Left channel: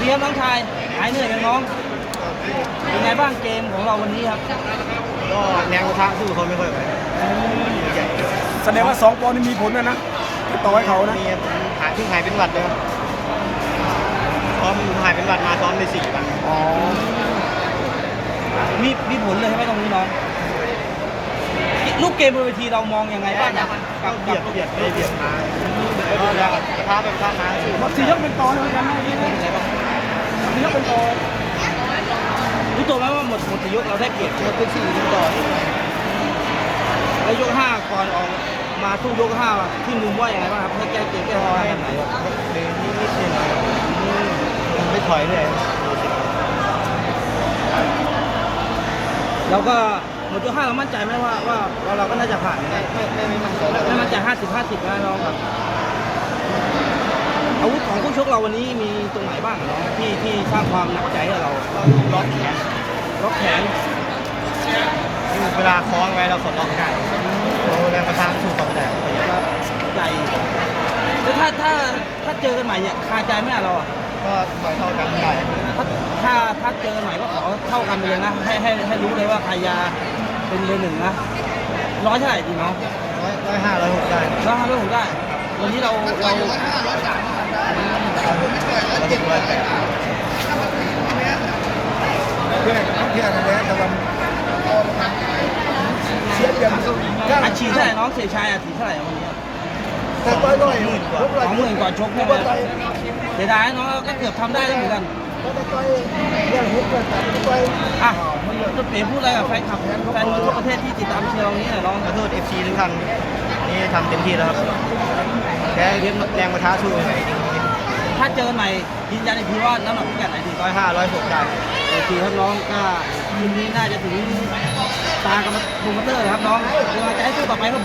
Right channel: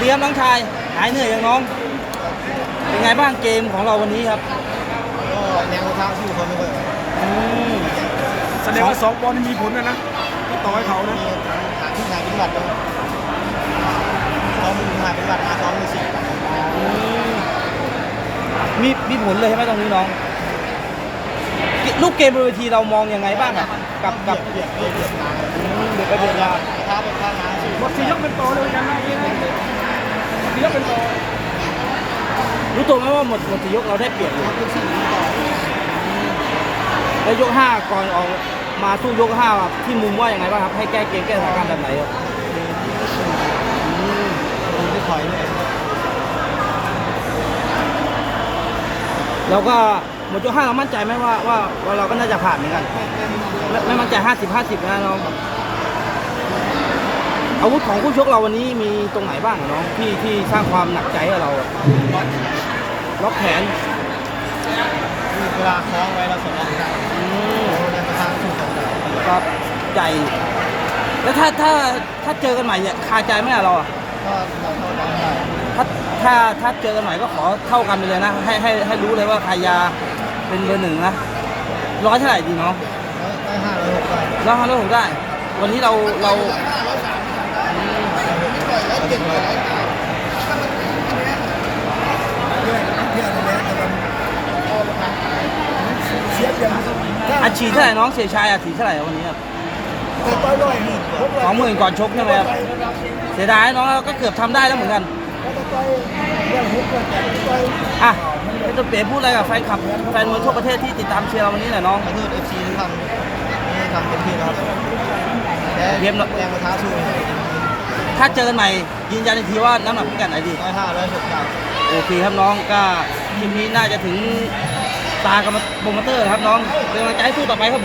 ครับน้องชายหายเหนื่อยยังน้องเป็นไงบ้างเกมของเราวันนี้ครับก็แรงกระทะสู้เขาไม่ค่อยไหวแสดงว่าสองปอนด์นี่มีผลนะนะต่อให้เขานะมีหายขึ้นหายเป็นหวัดเลยซ้อมหายเป็นหวัดมาซ้อมในสี่วันมีมีผลเลยใช่ไหมตรงนี้น้องลูกเกมบนเวทีเรามองยังไงบ้างครับกักับบเบียกัดบเบียดไปเบียดมาก็แรงกระทะไปกระทะมาสู้สี่ยกเป็นปอนด์เลยนะสี่ยกเป็น รู้ ตัวไหมว่าหมดหมดสี่ยกเราได้เปรียบยกสี่ต่อแล้วยกห้าก่อนออกมาสู้ยกห้าที่มุมว่ายังไงบ้างครับให้แก้เกมแก้สถานการณ์แบบไหนครับเดินนิดนิดนึงมันไม่ถอยเลยแล้วก็หมดยกห้าเรามั่นใจไหมว่าว่าว่าเราก็น่าจะผ่านเหมือนกันไม่ไม่ไม่มั่นใจไม่มั่นใจห้าสิบห้าสิบนะน้องครับอาวุธของคู่ชกเราวันนี้มีตรงไหนบ้างน้องที่ที่สร้างความหนักใจให้เราล็อกแขน ล็อกแขนเวลาคล้องไว้เราสดล็อกได้โอ้แรงกระทะสู้เขาไม่ได้ครับใจแล้วถ้าถ้าถ้าเจอกันใหม่เนี่ยคาใจไหมอะเราอะก็ถอยเท่ากันได้ถ้าถ้าถ้าเจอกันใหม่ก็ขอเท่ากันไปเลยนะให้ให้ให้รู้เลยว่าใครยาเป็นเบอร์หนึ่งนะร้อยเท่าไหร่ดีน้องร้อยร้อยห้าร้อยหกได้น้องทำได้ผมได้ วันนี้เราเราร้อยหกร้อยแปด เพื่อนเพื่อนนั่นแหละแต่ว่าพ่อประกันเสียเดือนก็อาชีพเท่าไหร่น้องเสียชายอาชีพเท่าไหร่วันนี้แต่ต่อยร้อยพวกสองหมื่นก่อนชกใช่ไหมครับเสียดายน้องเราก็เกือบทำได้แล้วเหมือนกันพอต่อยเรื่องหกเรื่องแปดต่อยอะพี่จะเปลี่ยนพูดอะไรกับแฟนคลับแฟนมวยทั่วประเทศที่ติดตามเชียร์เราวันนี้หน่อยน้องขอโทษเอฟซีทุกท่านนี่ทำเต็มที่แล้วครับแต่เรียมแรงกระทะสู้ไม่ไหวจริง ถ้าเจอกันใหม่ยืนยันอีกทีว่าน้ำหนักพิกัดไหนดีร้อยห้าร้อยหกได้โอเคครับน้องก็ทีมนี้น่าจะถึงตากับโปรโมเตอร์นะครับน้องเป็นกำลังใจให้สู้ต่อไปครับ